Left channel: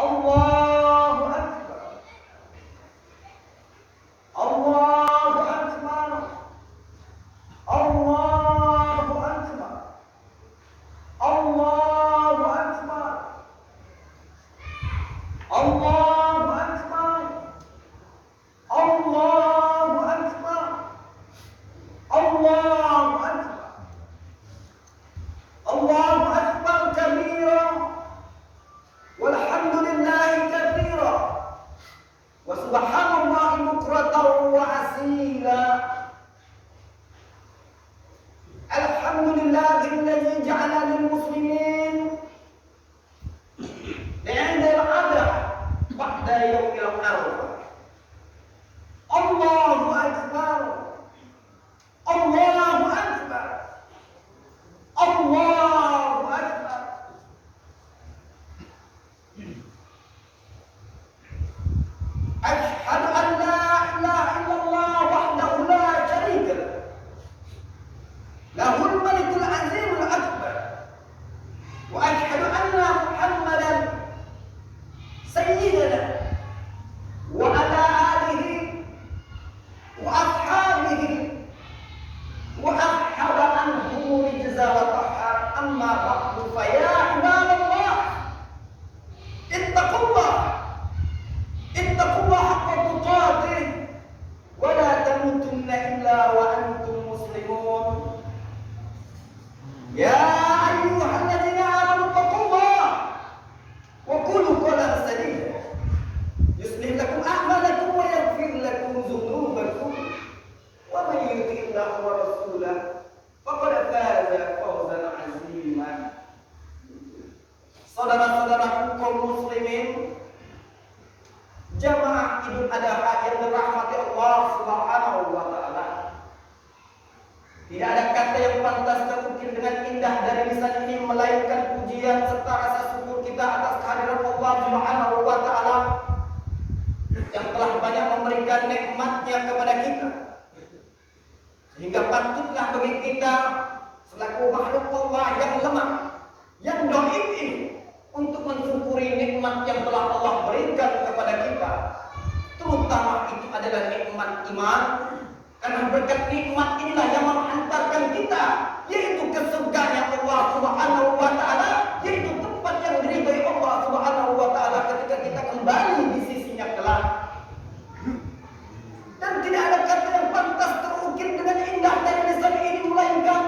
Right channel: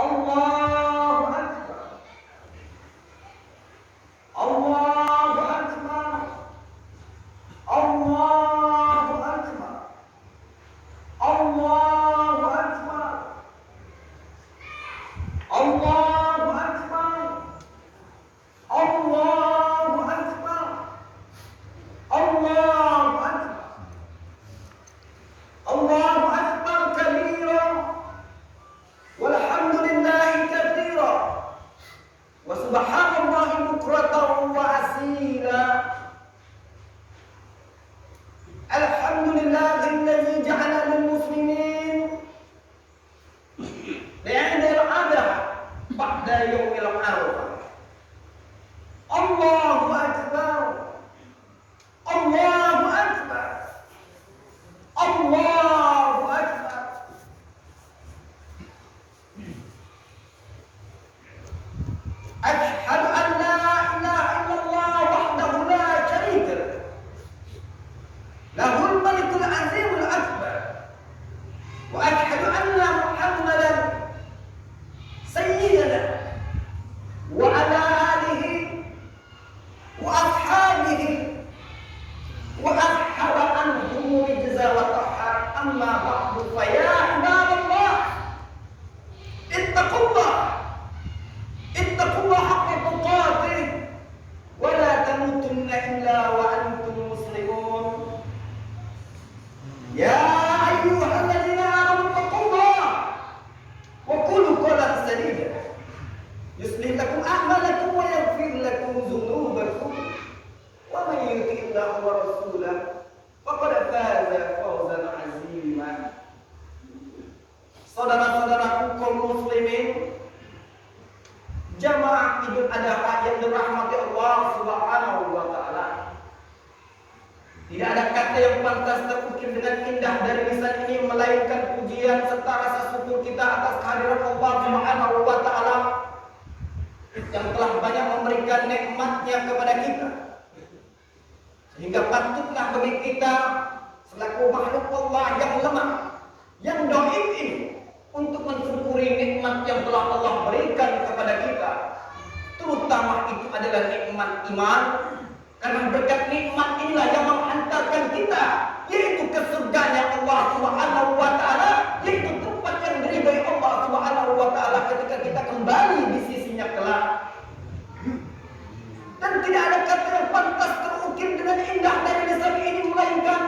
Allahu Akbar. Allahu Akbar. Allahu Akbar. Allahu Akbar. Allahu Akbar. Allahu Akbar. Allahu Akbar. Allahu Akbar kabira. Walhamdulillahi katsira. Wa subhanallahi bukratan wa asila. Alhamdulillahilladzi ja'ala lil muslimin bi'idil adha ba'da yaumil arafah. Allahu Akbar. Allahu Akbar. Allahu Akbar. Asyhadu an la ilaha illallah wahdahu la syarika lah. Lahul malikul azimul akbar. Wa asyhadu anna Muhammadan sayyidina wa ala alihi wa ashabihi wa ashhadu annahu rijza wa tahar. Amma ba'du fa ya ibadallah ittaqullah haqqa tuqatih wa la tamutunna illa wa antum muslimun. Ya ayyuhalladzina amanu taqullaha wa qulu qawlan sadida yuslih lakum a'malakum wa yaghfir lakum dhunubakum wa man yuti' Allaha wa rasulahu faqad faza fawzan 'azima. Saudara-saudaraku kaum muslimin, jamaah Idul Adha yang dirahmati Allah Subhanahu wa taala. Tidak ada kata yang pantas terukir dengan indah dari lisan ini melainkan pujian serta rasa syukur kita atas kehadiran Allah Subhanahu wa taala yang telah banyak memberikan nikmat-Nya kepada kita. Sehingga patutlah bagi kita selaku makhluk Allah yang lemah, yang dhaif ini untuk mensyukuri nikmat yang telah Allah berikan kepada kita. Terutama itu adalah nikmat iman. Karena berkat nikmat inilah yang menghantarkan kita yaitu ke surganya Allah Subhanahu wa taala, yaitu tempat yang diridhai Allah Subhanahu wa taala ketika kita kembali di sisinya kelak. Dan tidak ada kata yang pantas terukir dengan indah dari lisan ini melainkan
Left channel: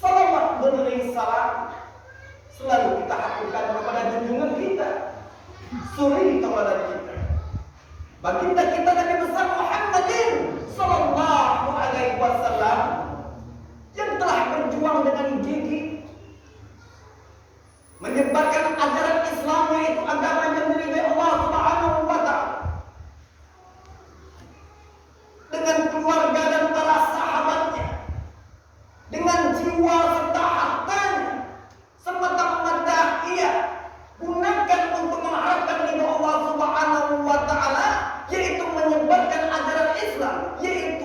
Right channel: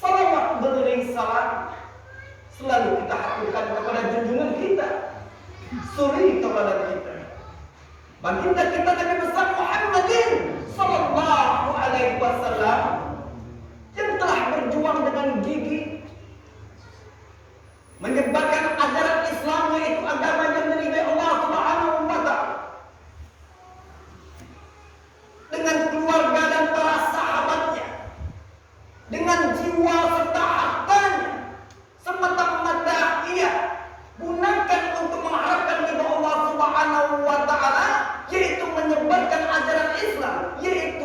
salawat beriring salam selalu kita haturkan kepada junjungan kita, suri kepada kita, baginda kita Nabi besar Muhammadin sallallahu alaihi wasallam yang telah berjuang dengan gigih menyebarkan ajaran Islam, yaitu agama yang diridhai Allah Subhanahu wa taala, dengan keluarga dan para sahabatnya, dengan jiwa serta hartanya, semata-mata ia gunakan untuk mengharapkan ridha Allah Subhanahu wa taala, yaitu menyebarkan ajaran Islam, yaitu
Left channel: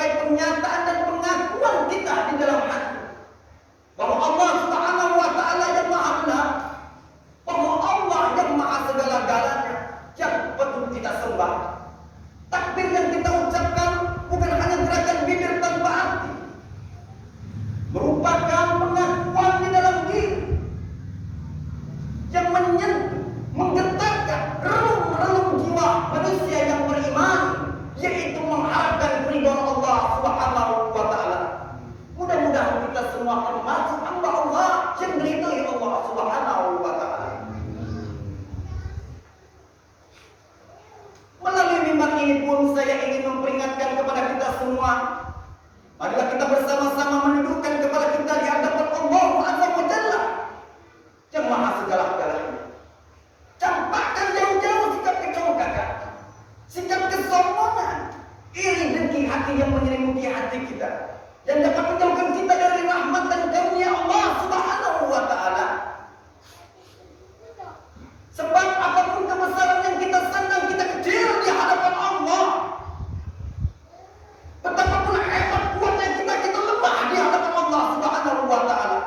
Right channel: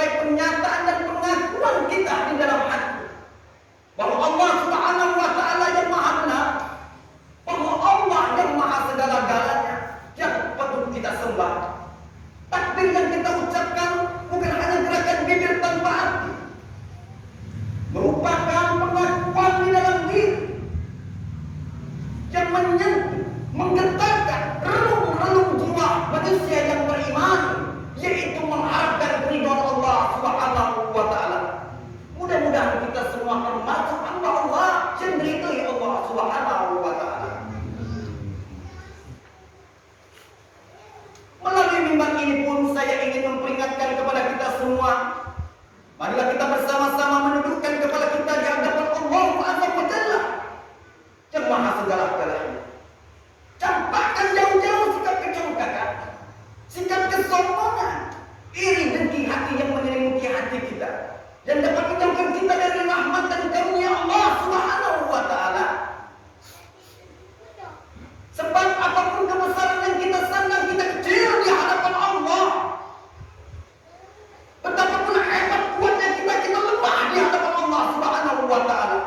sebagai pernyataan dan pengakuan kita di dalam hati bahwa Allah Subhanahu wa taala yang Maha benar, bahwa Allah yang Maha segala-galanya yang patut kita sembah. Takbir yang kita ucapkan bukan hanya gerakan bibir tanpa arti, merupakan pengakuan di dalam diri yang menyentuh, menggetarkan relung-relung jiwa manusia yang beriman, yaitu mengharapkan ridho Allah Subhanahu wa taala. Mudah-mudahan kita semua termasuk hamba Allah yang diridhoi Allah Subhanahu wa taala. Melalui mimbar ini pun saya ingin memperingatkan kepada kita semua, marilah kita bersama-sama menundukkan kepala kita di hadapan Allah Azza wa Jalla yang Maha segala-galanya. Campakkan jauh-jauh sikap kecongkakan, sikap kesombongan, iri dengki hati yang menyelimuti hati kita, dan dapat menjauhkan kita dari rahmat dan karunia Allah Subhanahu wa taala. Sebab apapun kebesaran yang kita sandang, kita kecil di hadapan Allah. Betapapun hebat kuatnya kita lemah di hadapan Allah Subhanahu wa taala.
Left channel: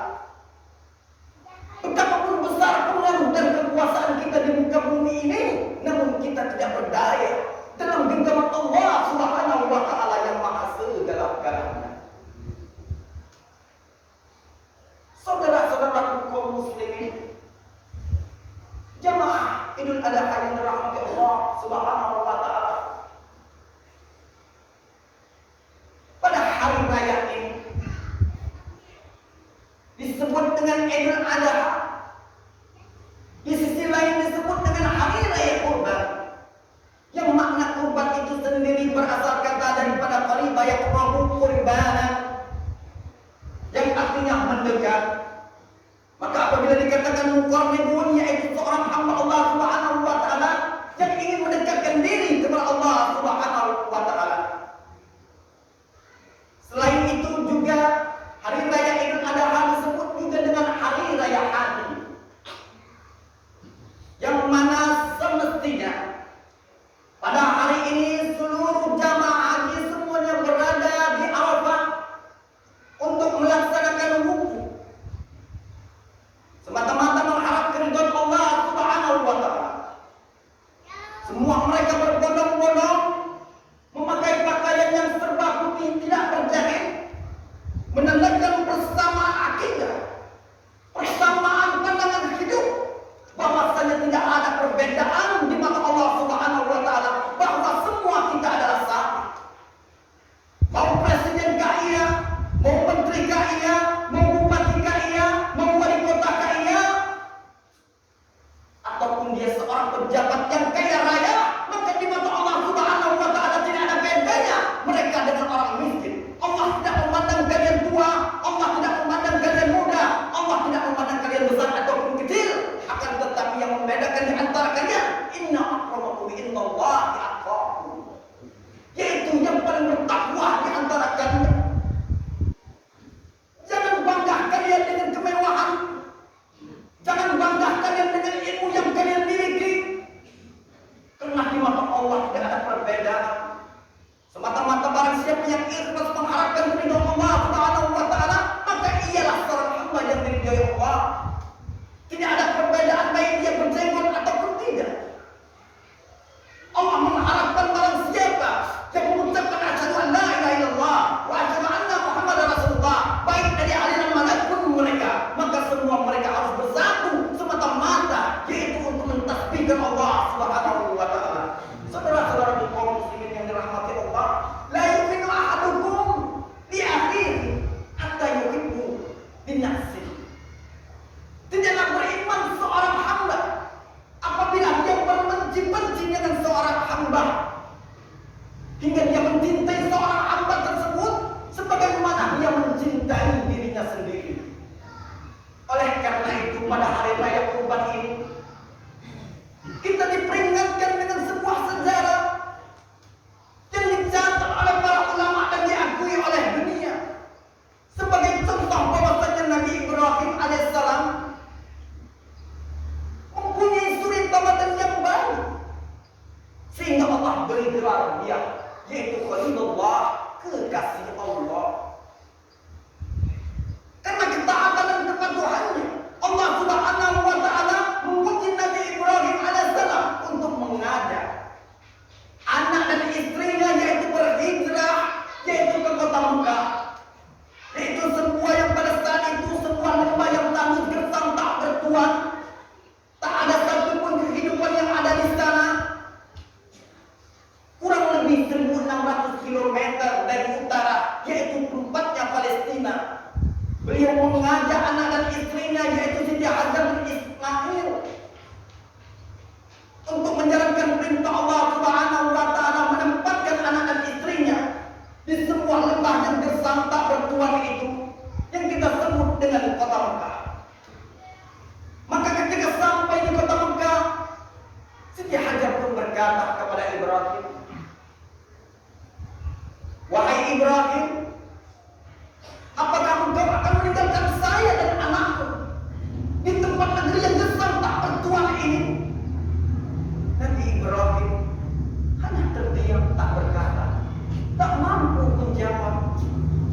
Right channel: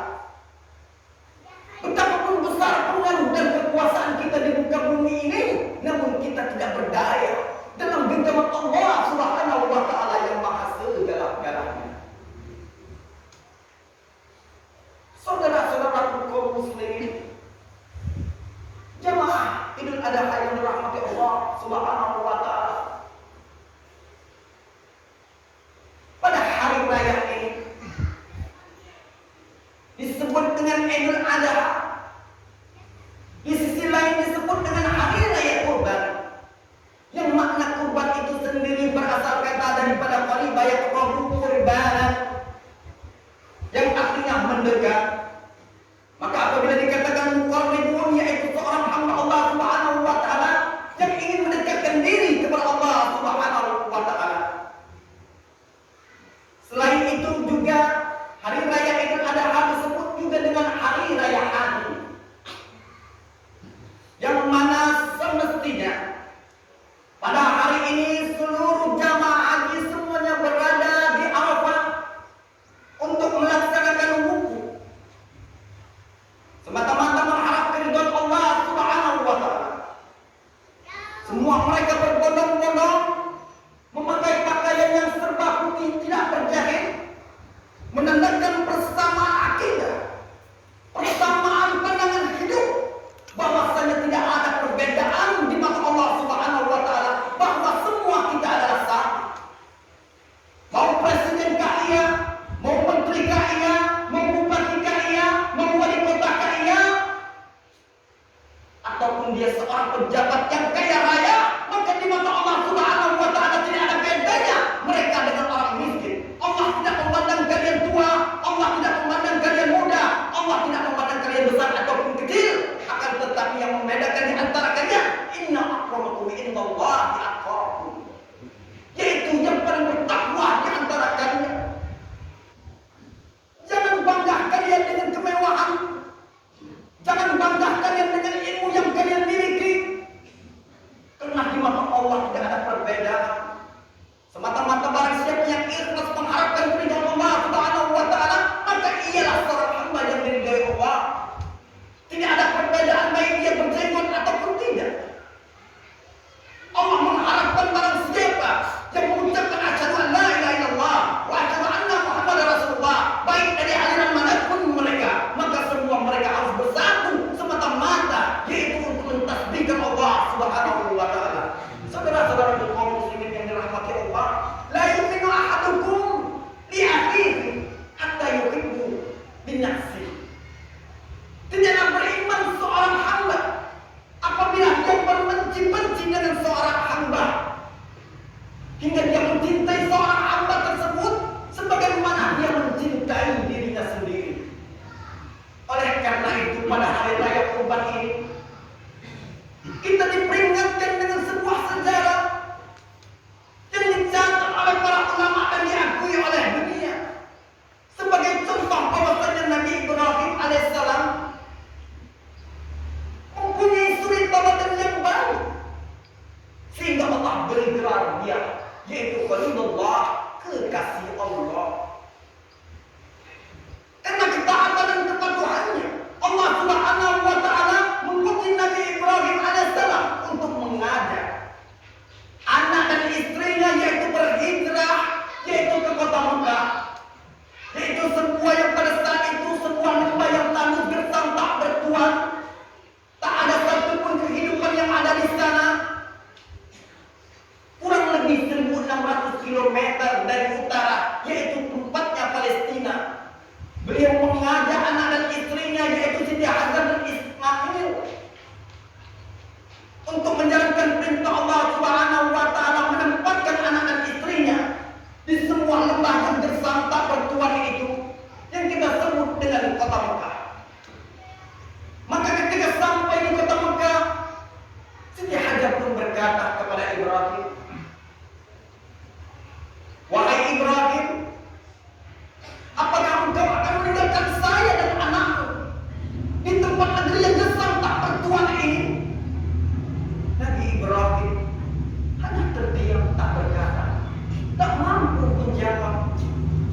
Betapapun besar pengaruh dan kekuasaan kita di muka bumi ini, namun kita tidak berdaya dalam genggaman Allah Subhanahu wa taala yang Maha segala-galanya. Saudara-saudaraku kaum muslimin, jamaah Idul Adha yang dirahmati Allah Subhanahu wa taala. Pada hari raya ini disebut dengan Idul Adha, di sisi lain disebut dengan hari raya kurban, yang makna kurban itu sendiri berasal kata daripada qariba yaqrabu qurbanan, yang artinya mendekat. Maka apabila dikatakan muqarribun, yaitu seorang hamba Allah Subhanahu wa taala yang ingin mendekatkan diri kepada Allah Subhanahu wa taala. Selain itu juga hari raya Idul Adha disebut juga dengan hari raya haji, yang mana semestinya pada hari ini seluruh jamaah haji semuanya berada di Arafah untuk melaksanakan wukuf, semata-mata mengharap keridhaan Allah Subhanahu wa taala. Semua mereka berbondong-bondong memakai pakaian yang serba putih tidak berjahit, menandakan persamaan akidah, persamaan pandangan hidup, bahwasanya tidak ada perbedaan di mata Allah Subhanahu wa taala, bahwa semua kita adalah sama. Mau presiden kah iya, mau menteri kah iya, mau bupati kah iya, mau wali kota kah iya, ataupun dia seorang pejabat yang kaya raya, maka di mata Allah Subhanahu wa taala tidak ada bedanya mereka dengan orang miskin. Allah tidak memandang kalian tua, Allah tidak memandang kalian muda, Allah tidak memandang kalian besar ataupun kecil, akan tetapi yang membedakan di antara kalian, inna akramakum indallahi atqakum, yaitu yang paling bertakwa di antara kalian. Jangan bangga kalian dengan kemewahan, jangan bangga kalian dengan ilmu yang kalian miliki, karena di mata Allah tidak ada perbedaan. Semata-mata barang siapa yang ikhlas mengharapkan ridha Allah Subhanahu wa taala, maka ialah seorang hamba yang diridhai Allah. Tidak ada perbedaan baik dia berjenggot ataupun tidak. Allah mengharapkan barang siapa yang mengucapkan asyhadu an la ilaha illallah wa asyhadu anna Muhammadar Rasulullah, baik dari aliran manapun mereka, maka semua mereka harus bersatu semata-mata, yaitu untuk mentasbihkan Allah Subhanahu wa taala. Saudara-saudara kaum muslimin yang dirahmati Allah, la yu'minu ahadukum li akhihi hatta yuhibbu li nafsihi. Tidaklah beriman seorang hamba apabila dia berbenci-benci dengan seorang hamba, hingga dia mencintai seorang hamba tersebut sebagaimana dia mencintai dirinya sendiri. Oleh karena itu pada hari raya kurban ini kita diperingatkan dengan sebuah sejarah yang dicatat oleh para ulama dan diakui oleh dunia sebagai contoh bahwasanya Nabi Ibrahim alaihissalam mempunyai suri tauladan yang baik, sehingga Allah beri gelar dia, yaitu Khalilullah, kekasih Allah. Karena ketaatan dan kepatuhannya, Allah Subhanahu wa taala mengutus Nabi Ibrahim alaihissalam untuk mengajak anak dan istrinya yaitu berhijrah yaitu ke kota Mekah. Yaitu semua yang pada saat itu semua lembah yang tandus gersang tak bertuan. Tak ada satupun kehidupan yang ada di sana. Kurang lebih 1.600 km dari utara yaitu tempatnya Palestina. Beliau mengajak anak dan istrinya yaitu Siti Hajar dan Ismail untuk menjalankan perintah Allah Subhanahu wa taala, menempatkan anak dan istrinya di sebuah lembah yang gersang tak bertuan itu yang kita sebut dengan kota Mekah. Maka ketika sampai di kota Mekah, Siti Hajar pun berkata kepada Ibrahim, "Wahai Ibrahim, apakah engkau akan meninggalkan saya dan anakku di tempat negeri yang gersang tak bertuan ini?" Nabi Ibrahim hanya terdiam tak berkata, tak mampu menjawab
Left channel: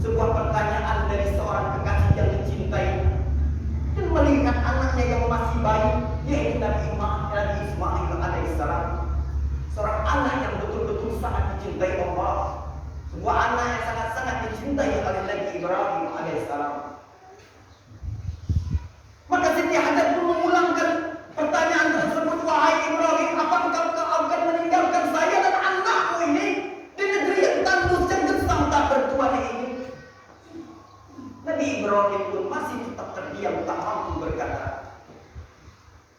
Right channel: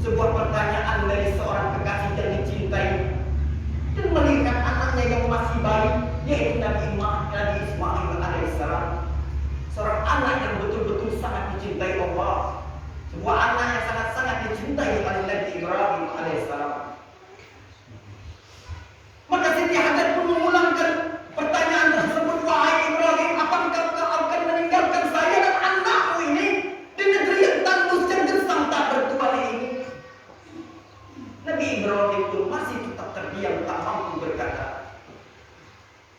sebuah pertanyaan dari seorang kekasih yang dicintai dan melihat anaknya yang masih bayi yaitu Nabi Ismail alaihissalam, seorang anak yang betul-betul sangat dicintai Allah, sebuah anak yang sangat-sangat dicintai oleh Nabi Ibrahim alaihissalam. Maka Siti Hajar pun mengulangkan pertanyaan tersebut, "Wahai Ibrahim, apakah kau akan meninggalkan saya dan anakku ini di negeri yang tandus dan gersang tak bertuan ini?" Nabi Ibrahim pun masih tetap terdiam tak mampu berkata.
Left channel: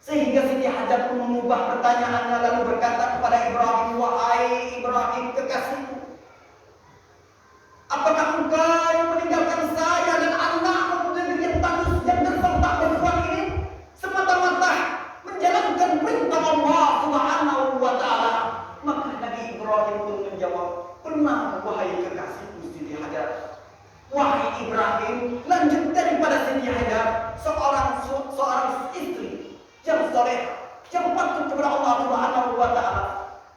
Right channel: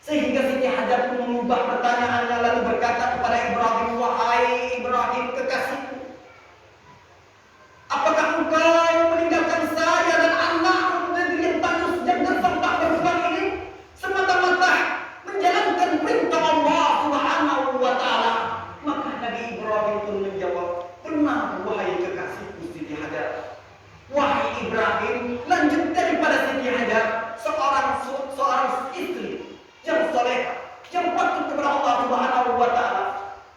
Sehingga Siti Hajar pun mengubah pertanyaannya lalu berkata kepada Ibrahim, "Wahai Ibrahim kekasihku, apakah engkau meninggalkan saya dan anakku di negeri yang tandus dan gersang tak bertuan ini semata-mata menjalankan perintah Allah Subhanahu wa taala?" Maka Nabi Ibrahim pun menjawab, "Benar wahai kekasihku Siti Hajar." Wahai Ibrahim, lanjut daripada Siti Hajar, seorang istri yang soleh, yang patuh kepada Allah Subhanahu wa taala,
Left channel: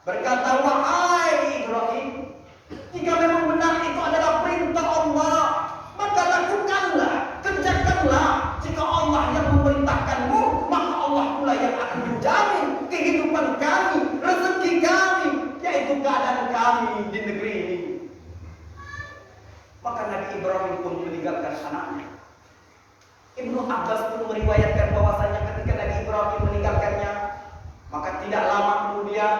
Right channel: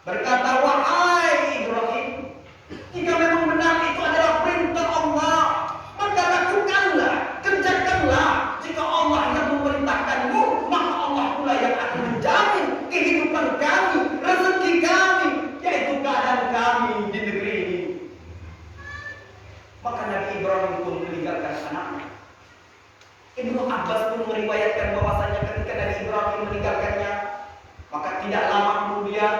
berkata, "Wahai Ibrahim, jika memang benar itu adalah perintah Allah, maka lakukanlah, kerjakanlah. Jika Allah yang memerintahkanmu, maka Allah pula yang akan menjamin kehidupan kami, rezeki kami, yaitu keadaan kami di negeri ini." Maka Nabi Ibrahim pun meninggalkan anaknya. Ibnu Abbas pun meriwayatkan bahwasanya ketika Nabi Ibrahim meninggalkannya, maka tidak lama kemudian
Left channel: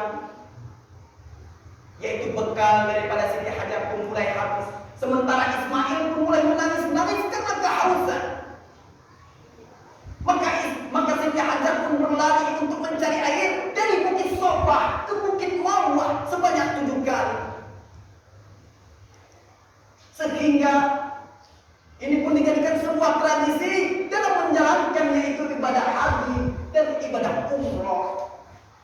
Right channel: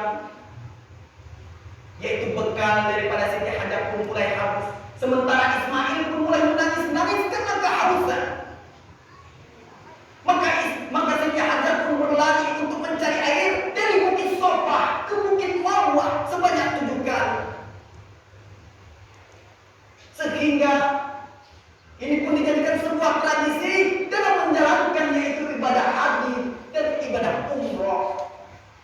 yaitu bekal daripada Siti Hajar pun mulai habis. Sementara Ismail pun mulai menangis-nangis karena kehausan. Maka Siti Hajar pun berlari untuk mencari air dari Bukit Sofa ke Bukit Marwah sebanyak 7 kali. Sehingga ini pun dijadikan sebuah tradisi dalam menjalankan yaitu ibadah haji dan ibadah umroh.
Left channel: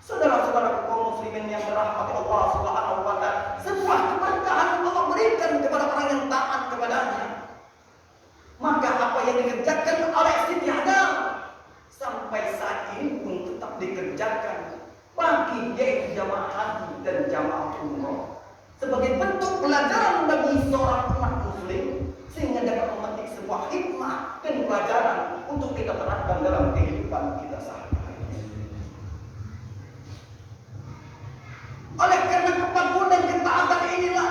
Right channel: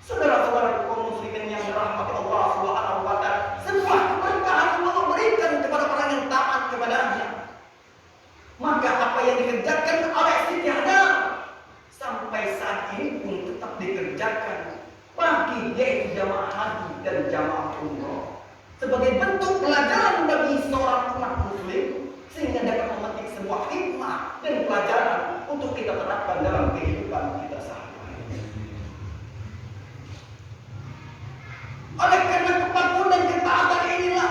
Saudara-saudara kaum muslimin yang dirahmati Allah Subhanahu wa taala, sebuah keberkahan yang Allah berikan kepada orang yang taat kepadanya. Maka apa yang dikerjakan oleh Siti Hajar sampai saat ini pun tetap dikerjakan bagi yaitu jamaah haji dan jamaah umroh sebagai bentuk pelajaran bagi seorang umat muslim sehingga dapat memetik sebuah hikmah dan pelajaran untuk kita terapkan dalam kehidupan kita sehari-hari. Oleh karena kepatuhan dan ketaatan inilah,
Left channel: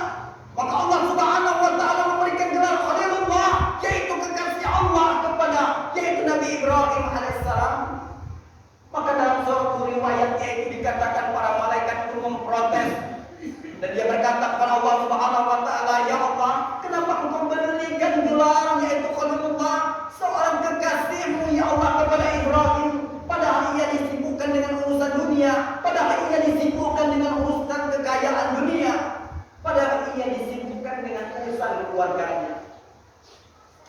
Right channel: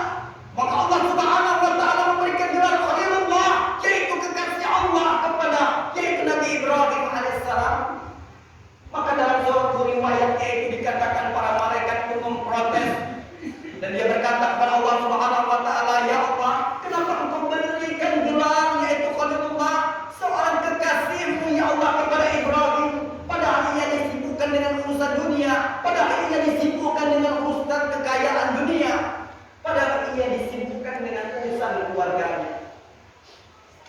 maka Allah Subhanahu wa taala memberikan gelar Khalilullah, yaitu kekasih Allah kepada yaitu Nabi Ibrahim alaihissalam. Maka dalam suatu riwayat yaitu dikatakan para malaikat pun memprotes dan dia berkata kepada Allah Subhanahu wa taala, "Ya Allah, kenapa engkau berikan gelar yaitu Khalilullah, seorang kekasihmu ya Allah kepada Ibrahim, padahal ia disibukkan dengan urusan dunia, padahal ia disibukkan dengan urusan kekayaan dunia, padahal ia disibukkan dengan urusan keluarganya."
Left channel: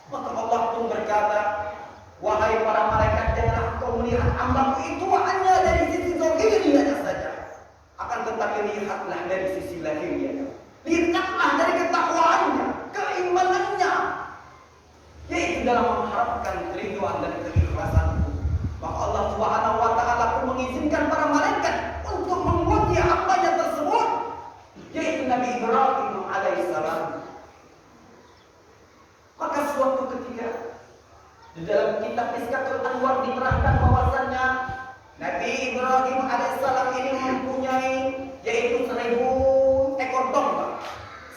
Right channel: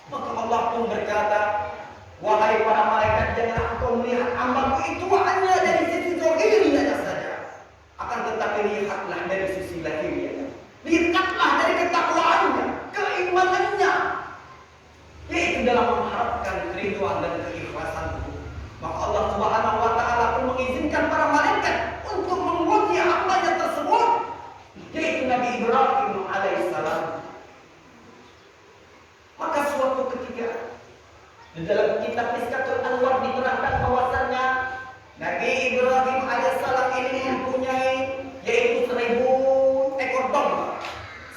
Maka Allah pun berkata, "Wahai para malaikat, janganlah engkau melihat hambaku itu hanya dari sisi zahirnya saja, akan tetapi lihatlah dari sisi lahirnya. Lihatlah dari ketakwaannya, keimanannya, yaitu dalam mengharapkan keridhaan dan keikhlasanku." Maka Allah Subhanahu wa taala pun mengizinkan para malaikat untuk menguji hambanya tersebut, yaitu Nabi Ibrahim alaihissalam. kitab Miskatul Anwar diterangkan bahwasannya Nabi Ibrahim alaihissalam ini mempunyai yaitu 1000 ekor domba,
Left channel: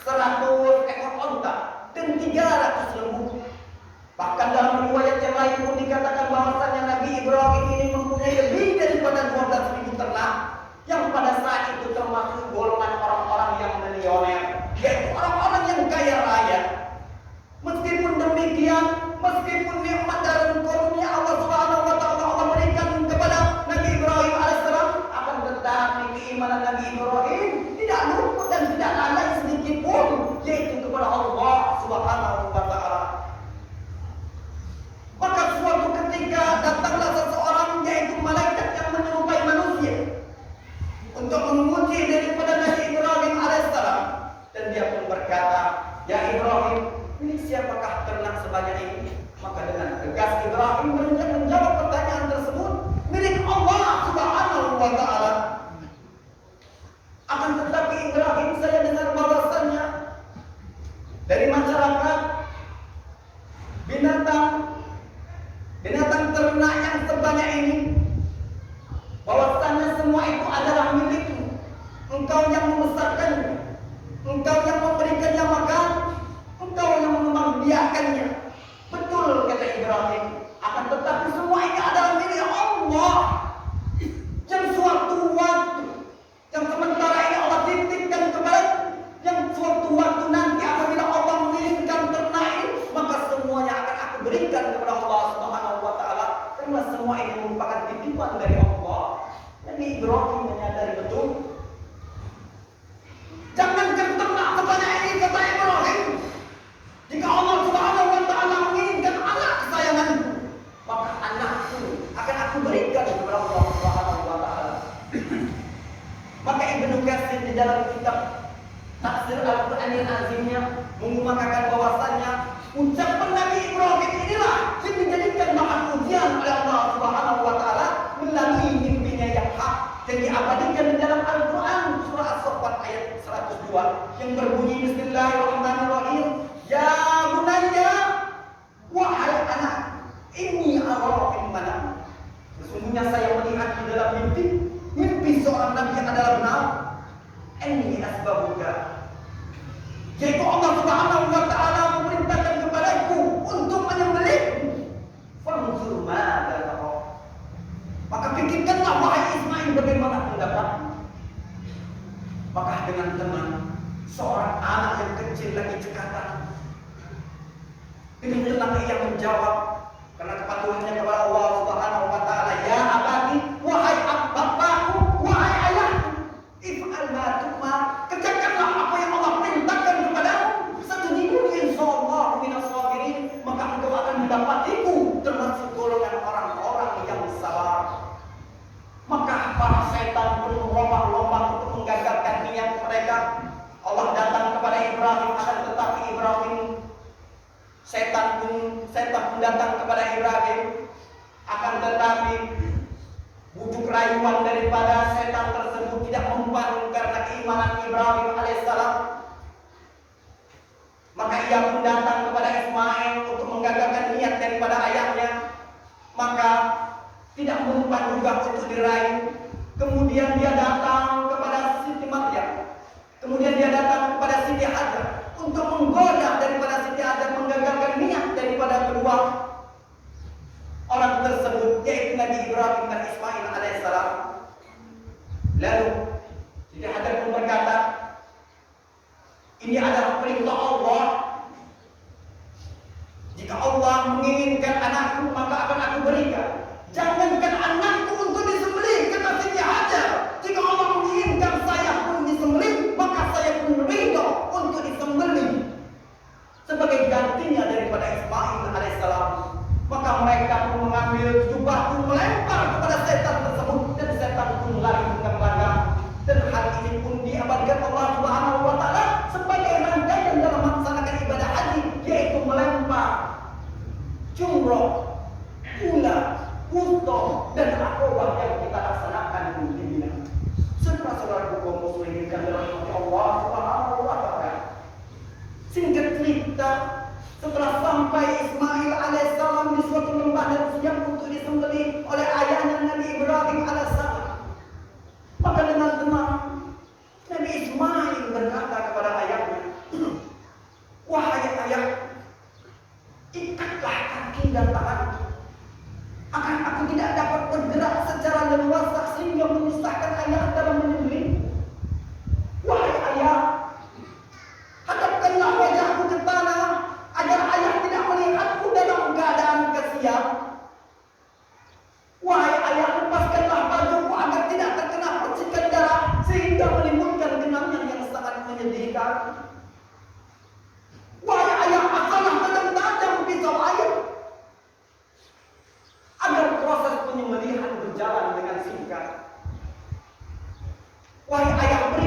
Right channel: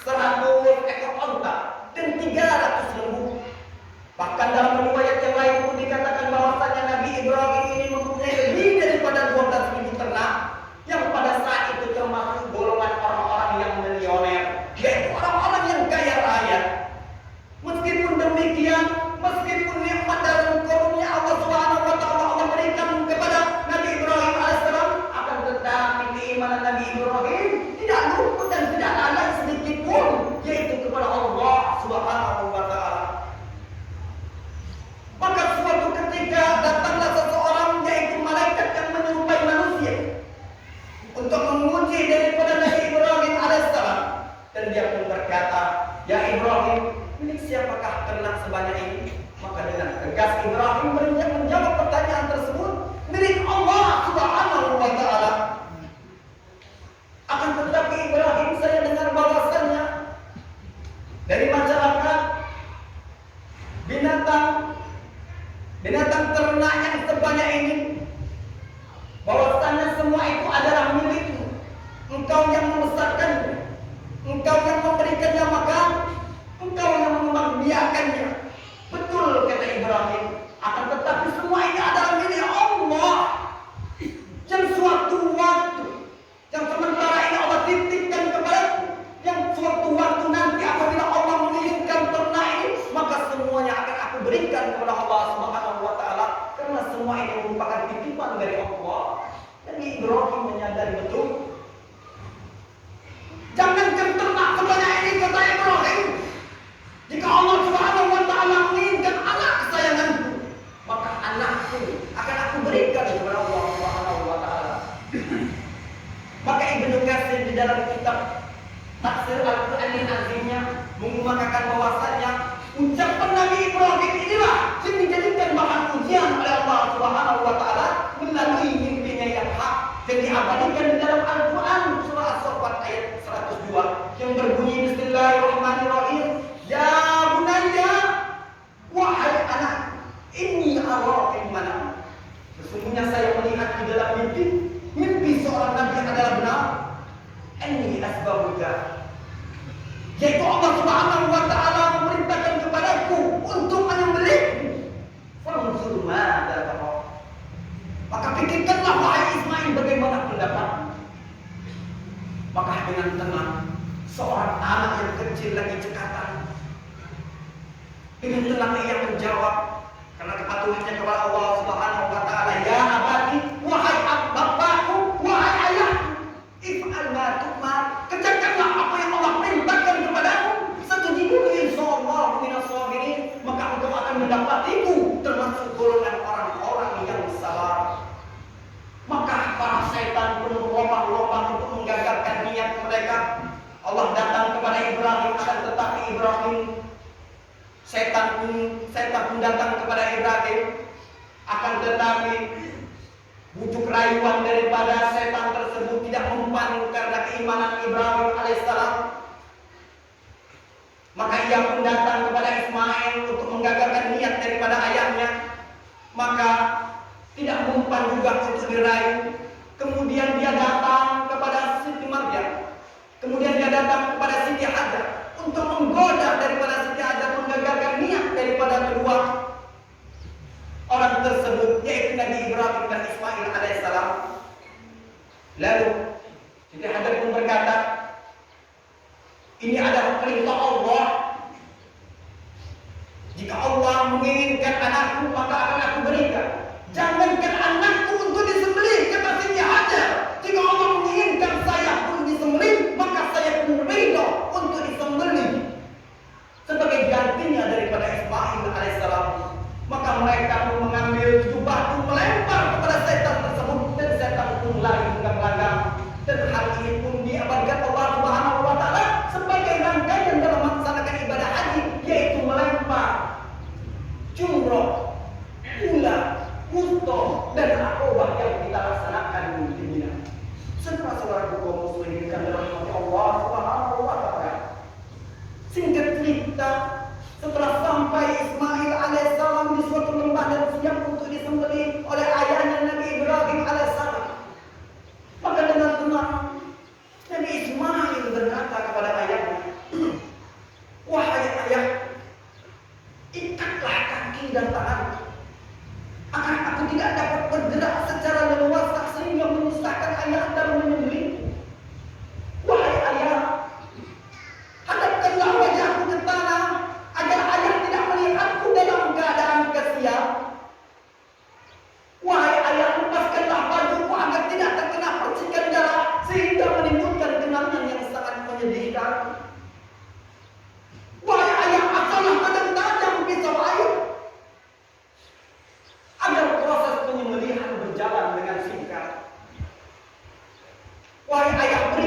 100 ekor onta, dan 300 lembu. Bahkan dalam riwayat yang lain pun dikatakan bahwasannya Nabi Ibrahim ini mempunyai lebih daripada 12.000 ternak, yang pada saat itu termasuk golongan orang-orang yang milioner, yaitu orang-orang yang kaya raya. Meskipun demikian, meskipun nikmat dan karunia Allah Subhanahu wa taala Allah berikan kepada Nabi Ibrahim alaihissalam, akan tetapi keimanan Nabi Ibrahim tidak luput dan tidak lalai sedikit pun, yaitu kepada Allah Subhanahu wa taala. Maka suatu ketika datanglah seseorang, yaitu malaikat yang menyerupai manusia, untuk menguji daripada Nabi Ibrahim alaihissalam, dan dia pun berkata, "Ya Ibrahim, milik siapakah ternak sebanyak ini?" Maka dengan tegas Ibrahim menjawab pertanyaan tersebut, "Milik Allah Subhanahu wa taala." Akan tetapi Ibrahim, saya dengar bahwasannya dari masyarakat binatang ternak yang sebanyak ini, bahwasannya semua itu adalah milikmu. Engkau yang membesarkannya, engkau yang memberikannya makan, engkau yang membiarkannya. Betul kata Ibrahim, akan tetapi semua ini adalah milik Allah, yang suatu waktu, yang sementara ini Allah titipkan kepadaku, yang suatu waktu nanti apabila Allah mengirimkan ternak ini, maka semuanya akan aku berikan kepada Allah Subhanahu wa taala, karena semua ini merupakan titipan dari Allah. Jadi Ibrahim menyadari betul. Jangankan ternak sebanyak ini kata Ibrahim, jika Allah Subhanahu wa taala menginginkan anak kesayanganku, maka anakku akan aku berikan kepada Allah Subhanahu wa taala. Maka Ibnu Katsir di dalam kitab Tafsir Al-Qur'anil Azimnya mengumumkan bahwasannya ucapan Nabi Ibrahim inilah yang dijadikan bahan ujian oleh Allah Subhanahu wa taala melalui mimpinya yang hak, yang diabadikan di dalam Al-Quran surah As-Saffat ayat 102 yang berbunyi Bismillahirrahmanirrahim, "Ya bunayya, wahai anak, inni ara fil manam." Sesungguhnya saya melihat di dalam mimpi seorang nabi adalah benar. Inni asbabuka, yaitu Allah Subhanahu wa taala memerintahkan kepadaku untuk menyembelihmu. Fanzur madza tara. Maka pikirkanlah wahai Ismail bagaimana pendapatmu. Maka dengan tenang seorang anak yang kecil lagi cekatan, dengan tenang ia menjawab karena kepatuhannya kepada Allah Subhanahu wa taala, "Ya abadi, wahai bapakku, wahai ayahku, if'al ma tu'mar." Kerjakanlah apa yang Allah perintahkan kepadamu. Satajiduni insyaallah minas sabirin. Maka engkau akan mendapatiku termasuk golongan orang-orang yang sabar. Maka para setan pun berlomba-lomba untuk menggagalkan niat mereka. Allah datang kepada Ibrahim, akan tetapi setan pun datang kepada Ibrahim, akan tetapi bujuk rayuan daripada setan tersebut tidak mempan karena keimanan Ibrahim alaihissalam. Maka ia pun datang kepada Ismail untuk menggagalkan niat daripada ayahnya. Maka tidak mempan juga untuk dirayu. Kemudian dia datang kepada Siti Maryam. Kemudian dia datang kepada Siti Hajar untuk menggoda daripada Siti Hajar, menggagalkan niat daripada kedua orang tersebut, yaitu Nabi Ibrahim dan Ismail alaihissalam. Lalu Siti Hajar pun berkata, "Ini adalah perintah Allah. Jika Allah menginginkan anakku, maka akan aku berikan. Jangankan anakku untuk disembelih," kata Siti Hajar. "Jika Allah menginginkan saya pun disembelih, maka saya pun ridho untuk disembelih sebagai gantinya daripada Ismail alaihissalam." Maka mereka pun mengambil batu melempar kepada setan tersebut, dan setan pun lari belakang. Dan hal ini pun diabadikan Allah Subhanahu wa taala sebagai rangkaian dalam melaksanakan ibadah haji, yaitu melempar jumroh, ular, Wusto dan akobah yang kita laksanakan di Mina. Saudara-saudara kaum muslimin yang dirahmati Allah Subhanahu wa taala. Singkat cerita, setelah sampai Ismail alaihissalam di suatu lembah dan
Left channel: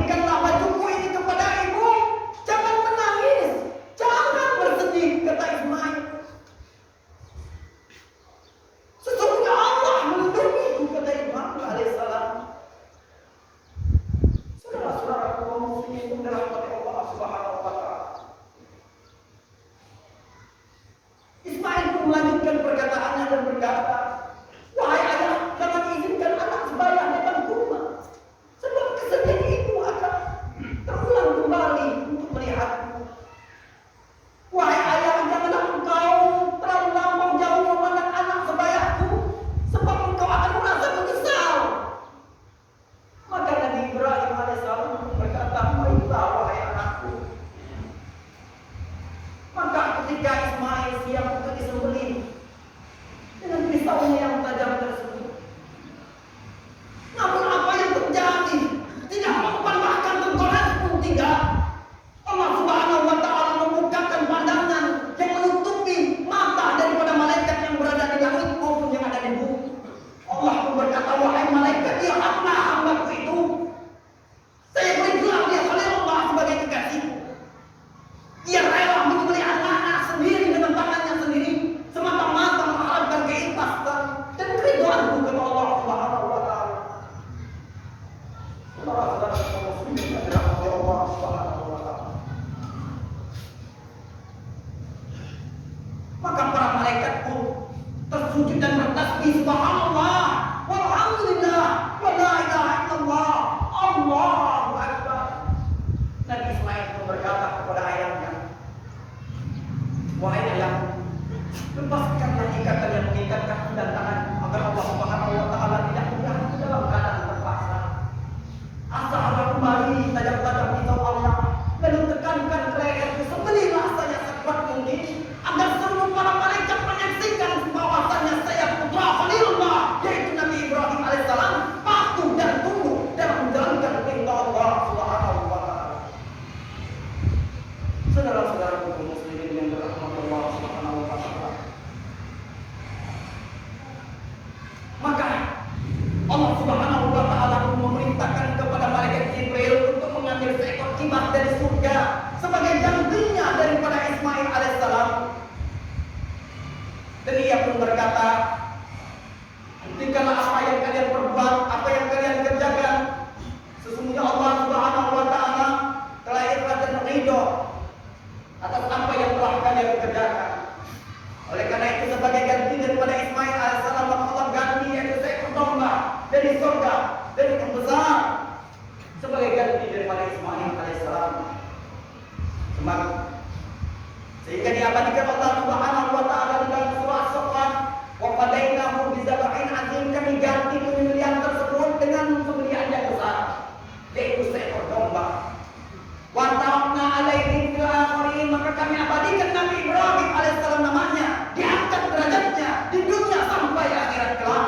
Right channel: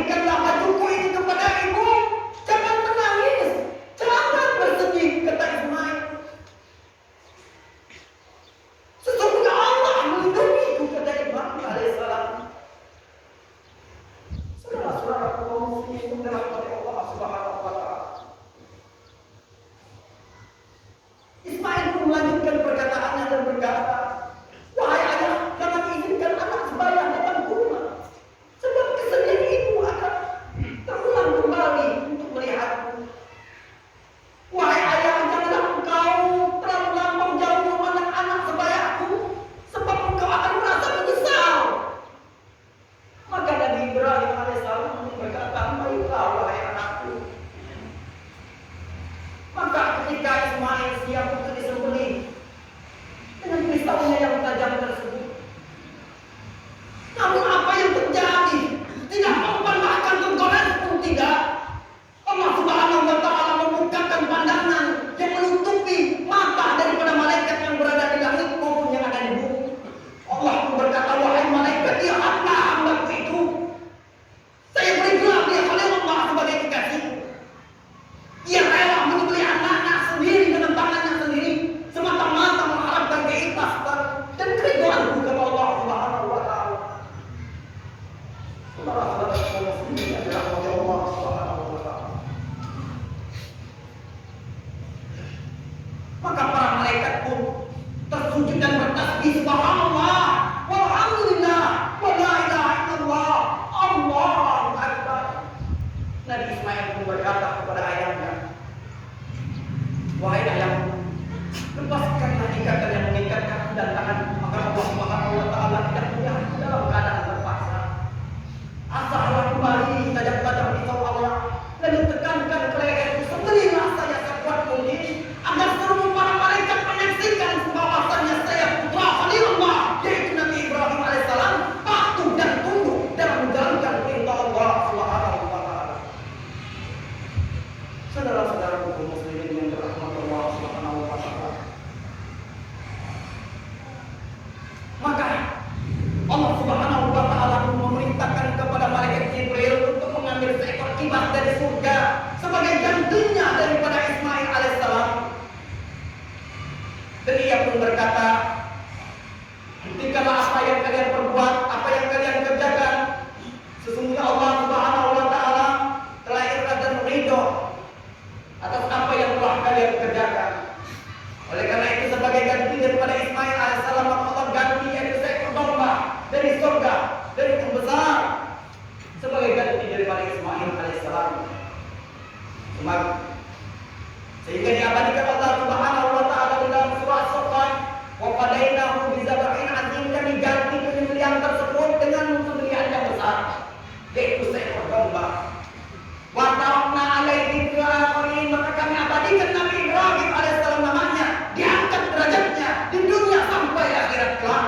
berikanlah bajuku ini kepada ibu. Jangan menangis, jangan bersedih, kata Ismail. Sesungguhnya Allah melindungiku, kata Ibrahim alaihissalam. Saudara-saudara kaum muslimin dirahmati Allah Subhanahu wa taala. Ismail pun melanjutkan perkataannya dan berkata, wahai ayah, jangan izinkan anak sebaya datang ke rumah, sebab kesedihan ibu akan terulang kembali untuk melihatku. Wahai ayah, janganlah engkau terlalu lama jauh memandang anak sebayaku, sebab engkau akan merasa menyesal. Maka Nabi Ibrahim alaihissalam berkata, baiklah wahai anakku. Maka ketika Ismail siap untuk disembelih dengan pisaunya yang tajam tersebut, namun apa yang terjadi? Tidak mempermalukan tengkorak pun tidak. Allah Subhanahu wa taala membukakan pandangan yang menutupi mata daripada malaikat yang berada di langit maupun yang ada di bumi. Allah pun berkata, wahai malaikat, lihatlah hambaku itu. Saya beri gelar dia oleh Allah sebagai kekasihku. Ia rela menyembelih anak-anak sendiri dengan tangannya sendiri, semata-mata mengharapkan keikhlasan dan keridhaan kepada Allah Subhanahu wa taala. Saudara-saudara kaum muslimin yang dirahmati Allah Subhanahu wa taala. Maka para malaikat pun tersujud dan bertasbih, subhanallah, walhamdulillah, wa la ilaha illallah, Allahu akbar. Nabi Ismail pun berkata kepada ayahnya, wahai ayahku, lepaskanlah ikatan yang mengikatkan dan tangan, agar Allah Subhanahu wa taala tidak melihatku dalam keadaan terpaksa. Asahlah kembali tajam-tajam pisau Allah, lalu tekankan ke leherku, sembelihlah saya sekuat mungkin, agar seluruh para malaikat menyaksikan bahwasannya saya putra Khalilullah, yaitu Nabi Ibrahim alaihissalam, patuh dan tunduk dalam menjalankan perintah Allah Subhanahu wa taala. Saudara-saudara kaum muslimin yang dirahmati Allah Subhanahu wa taala. Maka Allah Subhanahu wa taala memerintahkan kepada malaikat Jibril untuk mengambil seekor kibas dari surga sebagai gantinya daripada Ismail alaihissalam. Dan ia pun berkata, buktikanlah apa yang kalian perbuat, apa yang kalian kerjakan. Sesungguhnya Allah Subhanahu wa taala telah ikhlas dan ridho atas apa yang telah kalian kerjakan. Oleh karena itu, sebagai ganti daripada Ismail alaihissalam, Allah ganti yaitu seekor domba dari surga, dari yang besar, sebagai ganti daripada Ismail alaihissalam. Sehingga diabadikan Allah Subhanahu wa taala dalam surah As-Saffat, wa fadainahu bidzabhin azim, kami ganti penyembelihan tersebut dengan penyembelihan yang besar, yaitu seekor domba. Wa ta'ala alaihi fil akhirin, maka kami abadikan Nabi Ibrahim alaihissalam namanya, diangkat derajatnya di dunia sampai akhirat kelak.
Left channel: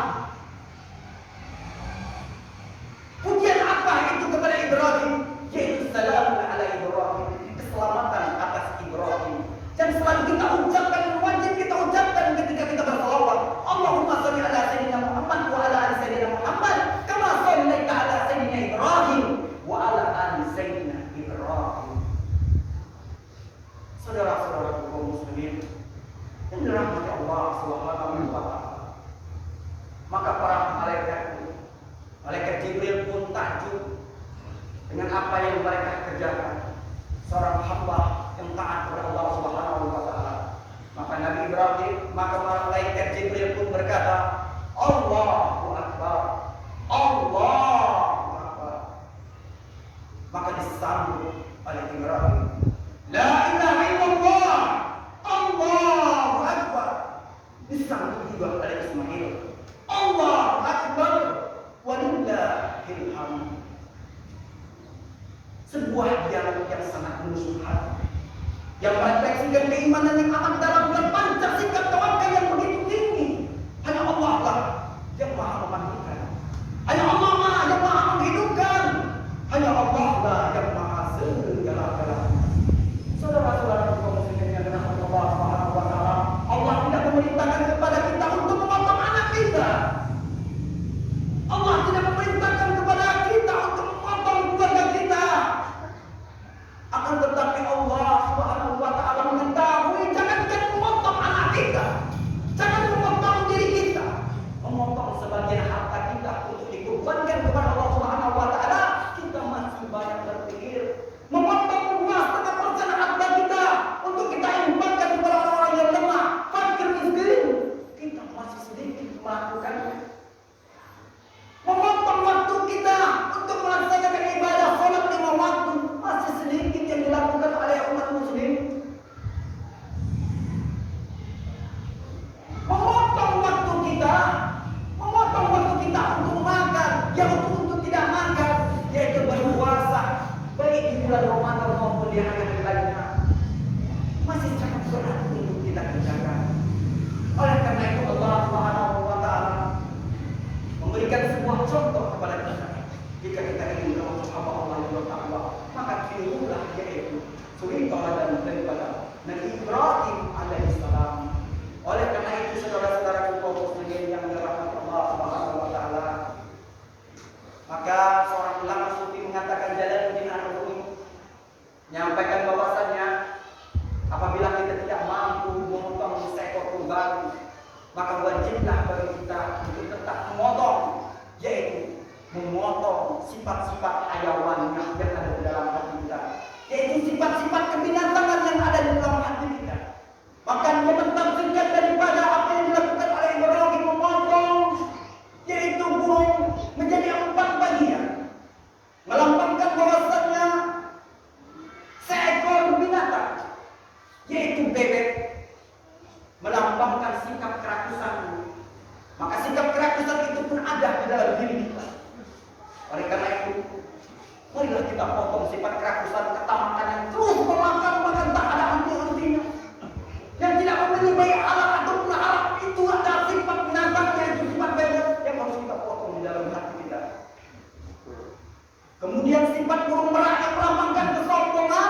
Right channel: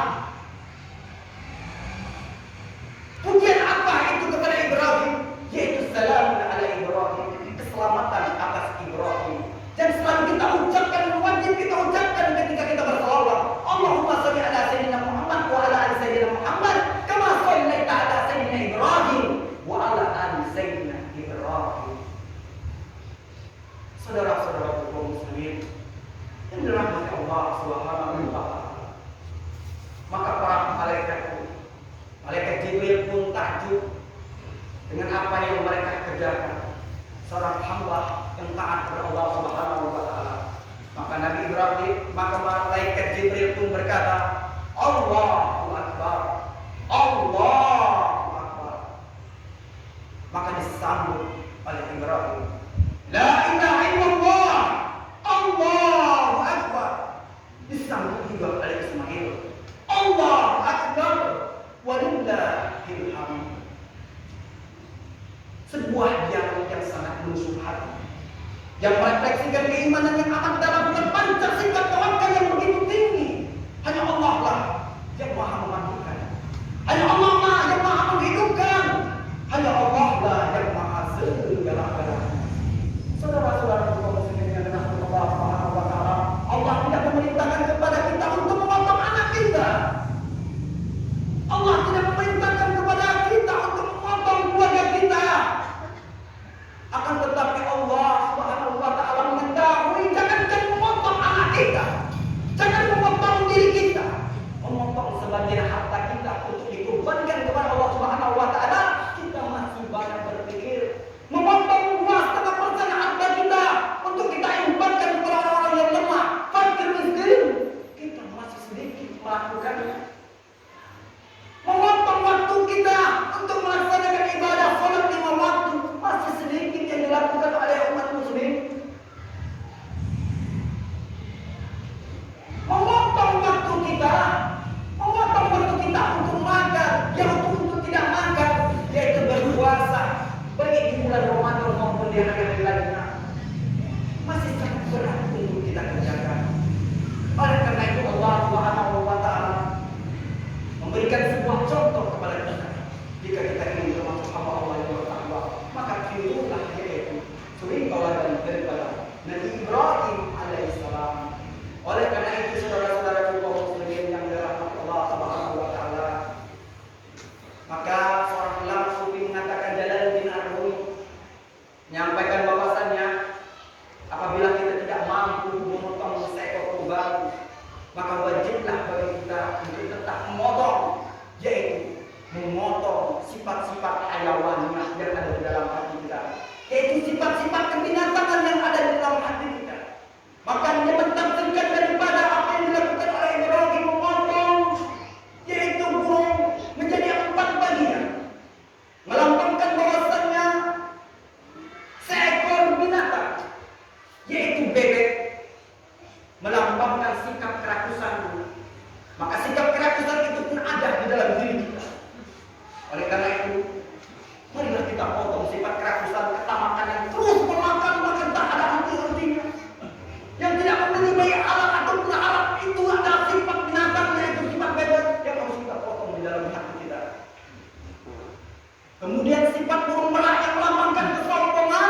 Pujian apa itu kepada Ibrahim? Yaitu salamun ala Ibrahim, keselamatan atas Ibrahim. Dan selalu kita ucapkan, wajib kita ucapkan ketika kita bersalawat, Allahumma shalli ala sayyidina Muhammad wa ala ali sayyidina Muhammad kama shallaita ala sayyidina Ibrahim wa ala ali sayyidina Ibrahim. Saudara-saudara kaum muslimin yang dirahmati Allah Subhanahu wa taala. Maka para malaikat Jibril pun takjub dengan apa yang mereka kerjakan. Seorang hamba yang taat kepada Allah Subhanahu wa taala. Maka malaikat Jibril pun berkata, Allahu akbar, Allahu akbar. Maka disambut oleh Ibrahim, la ilaha illallah, Allahu akbar. Disambut juga oleh Ismail, Allahu akbar, walillahil hamd. Sebuah dialog yang sangat menusuk hati, yang merefleksikan keimanan yang amat dalam dan pancar sifat tawakal yang begitu tinggi. Hanya Allah lah yang maha mematikan, hanya Allah lah yang maha menghidupkan, hanya Allah lah yang maha segala-galanya. Saudara-saudara kaum muslimin yang dirahmati Allah Subhanahu wa taala, Allah tidak memerintahkan kepada kita untuk memotong anak kita. Allah tidak memerintahkan kepada kita untuk memotong keluarga kita. di hari-hari lainnya masih sangat berat untuk kita kerjakan. Oleh karena itu Allah Subhanahu wa Ta'ala memberikan sebuah contoh kepada kita. Jika kita ingin termasuk hamba Allah yang bertakwa, maka tirulah yaitu suri tauladan daripada Nabi Ibrahim alaihissalam. Oleh karena itu saudara-saudara kaum muslimin yang dirahmati Allah Subhanahu wa Ta'ala, maka seorang ulama sufi mengatakan Jalaluddin Ar-Rumi menyampaikan bahwasannya apabila kita tidak mampu memotong seekor kurban, maka wajiblah bagi kita untuk tetap memotong, yaitu memotong sifat-sifat hayawaniyah yang ada di dalam hati kita, yaitu sifat-sifat kebinatangan yang ada di dalam hati kita. Maka menentangkan daripada apa yang dilakukan oleh Ibrahim memotong, yaitu burung menjadi 4 bagian, melambangkan bahwasannya seekor binatang, yaitu bebek, melambangkan sikap kerakusan. Maka sikap kerakusan itu pun ada di dalam diri kita. Oleh karena itu, marilah kita potong sifat kerakusan, ketamakan yang terus memakan tak ada henti-hentinya, yang tidak memiliki baik alam ataupun harap. Itu adalah sifat binatang, yaitu sifat bebek yang harus kita potong di dalam hati kita. Kemudian sifat burung merak yang melambangkan kesombongan,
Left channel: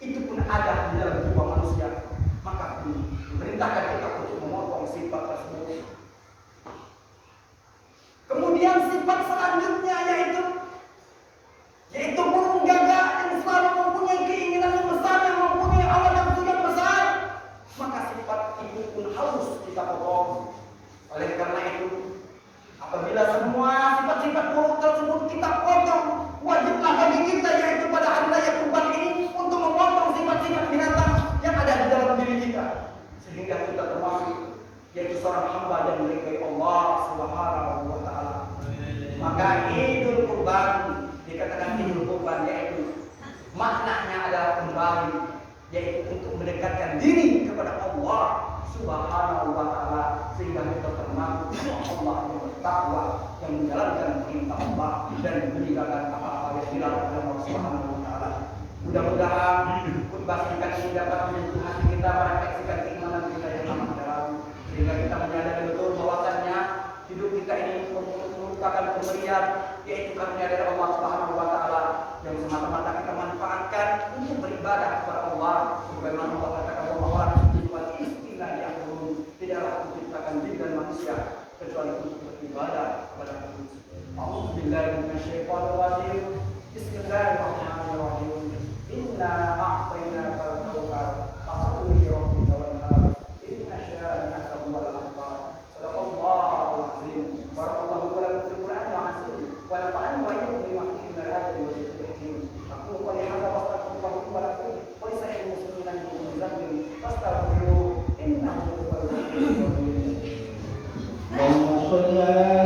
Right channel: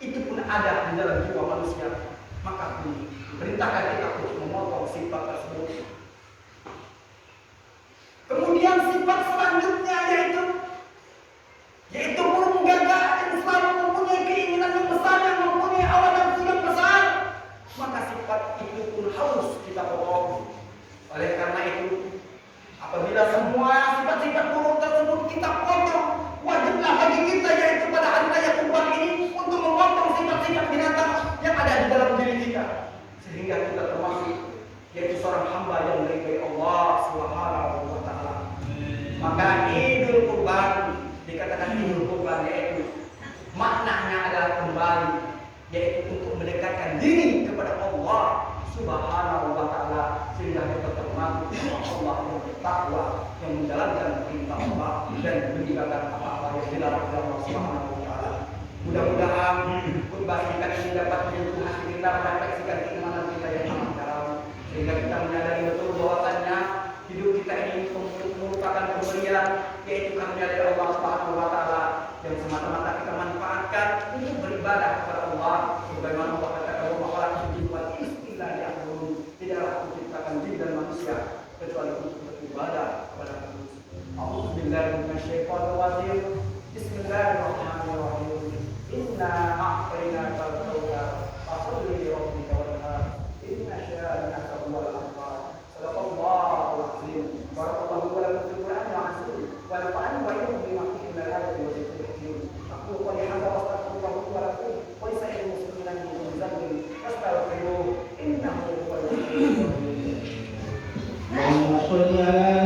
itu pun ada di dalam jiwa manusia. Maka diperintahkan kita untuk memotong sifat tersebut. Kemudian sifat selanjutnya yaitu burung gagak yang selalu mempunyai keinginan yang besar, yang mempunyai awan yang sangat besar. Maka sifat itu pun harus kita potong. Oleh karena itu, apabila semua sifat-sifat burung tersebut kita potong, wajiblah bagi kita, yaitu pada hari raya Kurban ini, untuk memotong sifat-sifat binatang yang ada di dalam diri kita, sehingga kita termasuk yaitu seorang hamba yang melihat Allah Subhanahu wa Ta'ala. Maka Idul Kurban dikatakan Idul Kurban, yaitu maknanya adalah kembali, yaitu untuk mendekatkan diri kepada Allah Subhanahu wa Ta'ala, sehingga kita termasuk Allah yang bertakwa, yang menjalankan perintah Allah dan meninggalkan apa-apa yang dilarang Allah Subhanahu wa Ta'ala. Mudah-mudahan khutbah singkat ini dapat menyentuh hati kita, merefleksikan keimanan kita yang amat dalam, sehingga kita menyadari betul bahwasannya hidup kita ini merupakan pemberian, yaitu karunia dari Allah Subhanahu wa Ta'ala, yang semata-mata kita manfaatkan untuk beribadah kepada Allah. Sebagaimana Allah katakan bahwa jiwa istilah di akhirul tidaklah diciptakan jin dan manusia kecuali untuk beribadah kepada Allah. A'udzubillahi Bismillahirrahmanirrahim. Inna a'tainaka al-kautsar fasholli li rabbika wanhar. Inna syani'aka huwal abtar. Sadaqallahu al-azim. Barakallahu lakum fil Qur'ani al-azim. Wa nafa'ani wa iyyakum bima fihi min al-ayati wa dhikril hakim. Aku qali hadza wa astaghfirullaha wa lakum wa li sa'iril muslimina min kulli dhanbin fastaghfiruhu innahu huwal ghafurur rahim. Allahumma shalli ala